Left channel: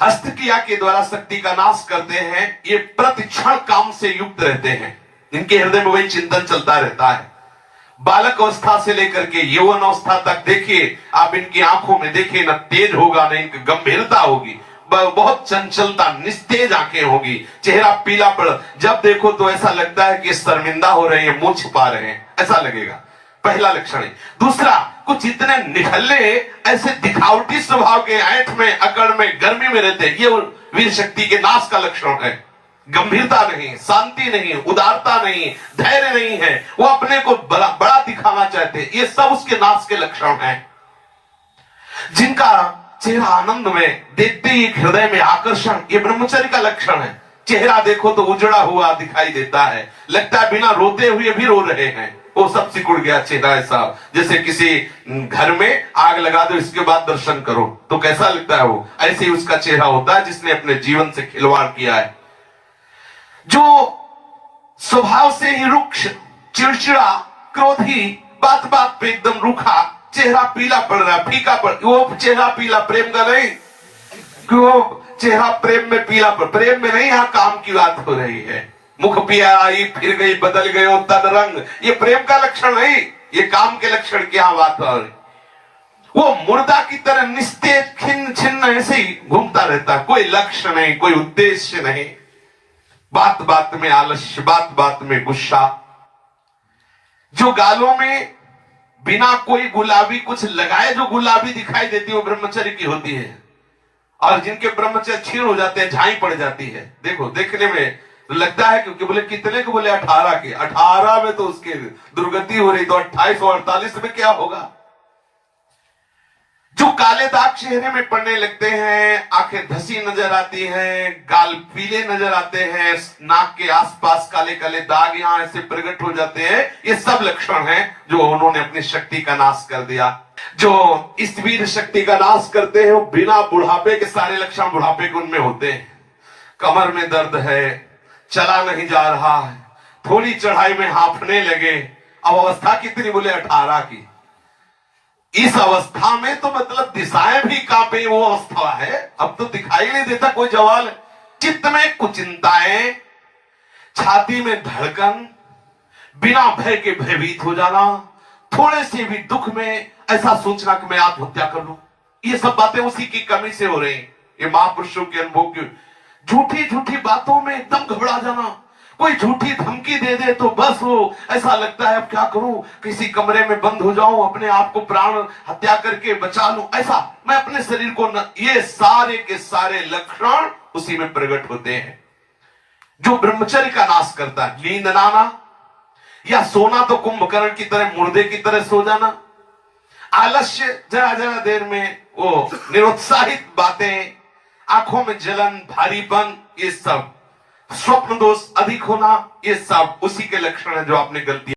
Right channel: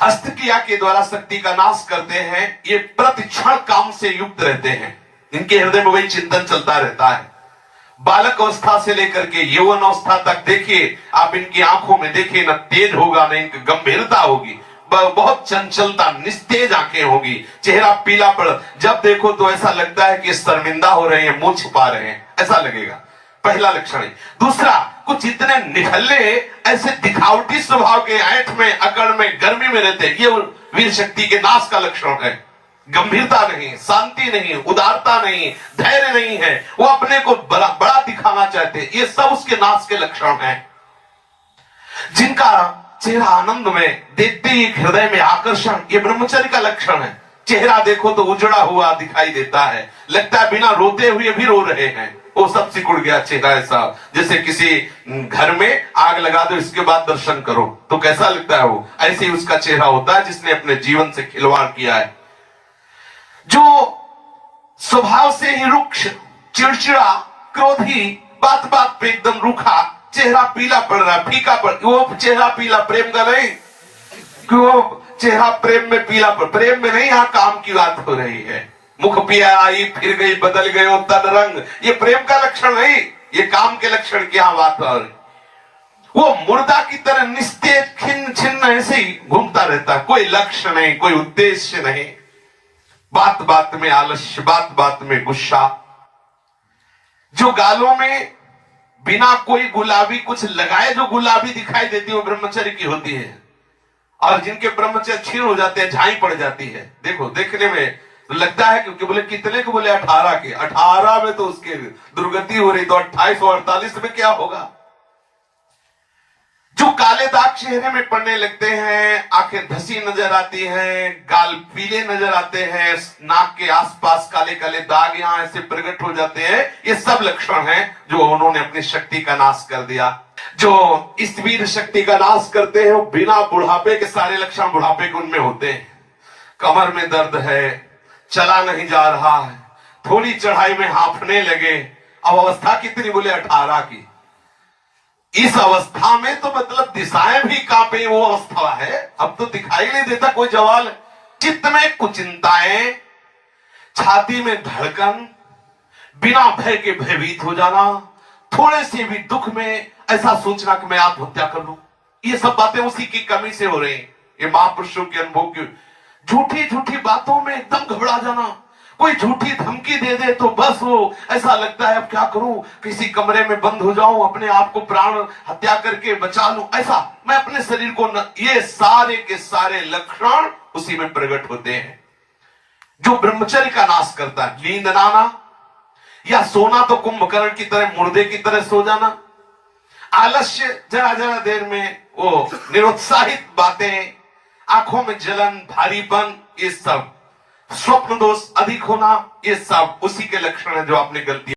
हस्तक्रिया के द्वारा शक्ति का नाश करते हैं। ये प्रतिक्षण काम से युक्त रहते हैं, इनके हृदय में वही चिंतन चलता रहता है। बालक अवस्था से लेकर के यौवन अवस्था तक देखिए आप, इनकी आंखों में देखिए, न तेज होगा न इनकी गंभीरता होगी, बहुत चंचलता, निस्तेज आंखें होगी, चेहरा पीला पड़, जब देखो तो ऐसा लगता है कि शर्मिंदा हो रहे हैं, मुंह छिपा रहे हैं, ऐसा लगेगा। पहला लक्षण है। दूसरा, कुछ इतने निखल्ले, ऐसे दिखावटी स्वभाव के, ऐंठ में, अकड़ में, गर्मी में रहते हैं, ये वीर शक्ति के नाश का लक्षण है। गंभीरता नहीं, शांति नहीं, उदारता नहीं, धैर्य नहीं है, वो अपने को बड़ा दिखाना चाहते हैं, ये सब उसके नाश के लक्षण हैं। जिनका चेहरा आनंद में, देखते ही हृदय में आकर्षण, ये ब्रह्मचर्य का लक्षण है। चेहरा देखो तो उजड़ा हुआ दिखाई देता है, लगता है बिना रोते हुए भी रो रहे हैं, वो सब सिकुड़ गया चेहरा, ऐसा जैसे किसी घर में आग लगा दो, इसके बाद दर्शन करो तो कैसा लगता है, वो ऐसे ही उसका चेहरा होता है जिसने अपने जीवन से खिलवाड़ किया है। जो स्वभाव से ही रुक्ष, चिड़चिड़ा, क्रोधी, बात बात पे एकदम रूखा, चेहरा पीला पड़ रहा, फीका पड़, वो चेहरा पीला प्रेम का नहीं कि वो चेहरा प्रेम में पीला पड़, प्रेम में नहीं, यहां काम की बात हो रही है। मुख पिया आई फिर गई, बदल गए तन रंग, ये प्रेम का लक्षण नहीं, ये काम के लक्षण की यहां बात हो रही। वो मुर्दा की तरह निस्तेज, खिन्न छिन्न ऐसे ही घूमता रहता, कोई लक्ष्य नहीं, कोई उद्देश्य नहीं, बात बात में आलस्य, बात बात में गुस्सा। जो गालों में बिना कोई गुलाबी कुछ लगाए जो गुलाबी दिखाई देती है वो ब्रह्मचर्य की होती है, और जिनके ब्रह्मचर्य क्षीण हो जाते हैं, झाई पड़ जाती है, देखो देखने में तो लगता है, क्योंकि बोले कितने को, बोले 18 के, 18 में तो उसकी दुर्गति हो रही, तो 28 और 48 में क्या होगा। जो काले दाग चेहरे में पड़ने लगते हैं, आंखें धसी नजर आती हैं, गाल पीले नजर आते हैं, नाक के आसपास काले काले दाग यहां ऐसे प्रकट हो जाते हैं, ये सब लक्षण हैं जो उन्होंने अपनी शक्ति का नाश कर दिया। जो इस वीर शक्ति का नाश करते हैं वो बिना बुढ़ापे के सारे लक्षण बुढ़ापे के उनमें होते हैं। कमर में दर्द है, चला नहीं जा रहा है, थोड़ी चढ़ाई में हांफने लगे, अब अवस्था कितनी, बोले 18 की। इस अवस्था में तो मतलब दिशाएं भी कांपे, वो अवस्था है, अब तो दिखाई नहीं देता कोई जवाल। चित्त में कुचिंताएं, छाती में धड़कन, बिना भय के भयभीत हो जाना, थोड़े से भी दुख में ऐसा सोचना कि मैं आत्महत्या कर लूं, ये सब बातें उसी की कमी से हो रही हैं। ये महापुरुषों के अनुभव की झूठी झूठी बातों में एकदम घबरा जाना, कोई झूठी धमकी दे दे तो बस वो ऐसा लगता है अब क्या करूं, किसी कमरे में बंद हो जाऊं, अपने आप को प्राण हत्या करके बचा लूं, ऐसा मैं अपने शरीर को न, ये सारे के सारे लक्षण उसी में प्रकट होते हैं। जो ब्रह्मचर्य का नाश करता है, नींद ना आना या सोना तो कुंभकर्ण की तरह, मुर्दे की तरह सो जाना, आलस्य, जरा जरा देर में वो निरुत्साहित बातें, आंखों में जलन, भारीपन, ये सब स्वप्न दोष अधिक होना, ये सब उसी के लक्षण है जो आपने गलती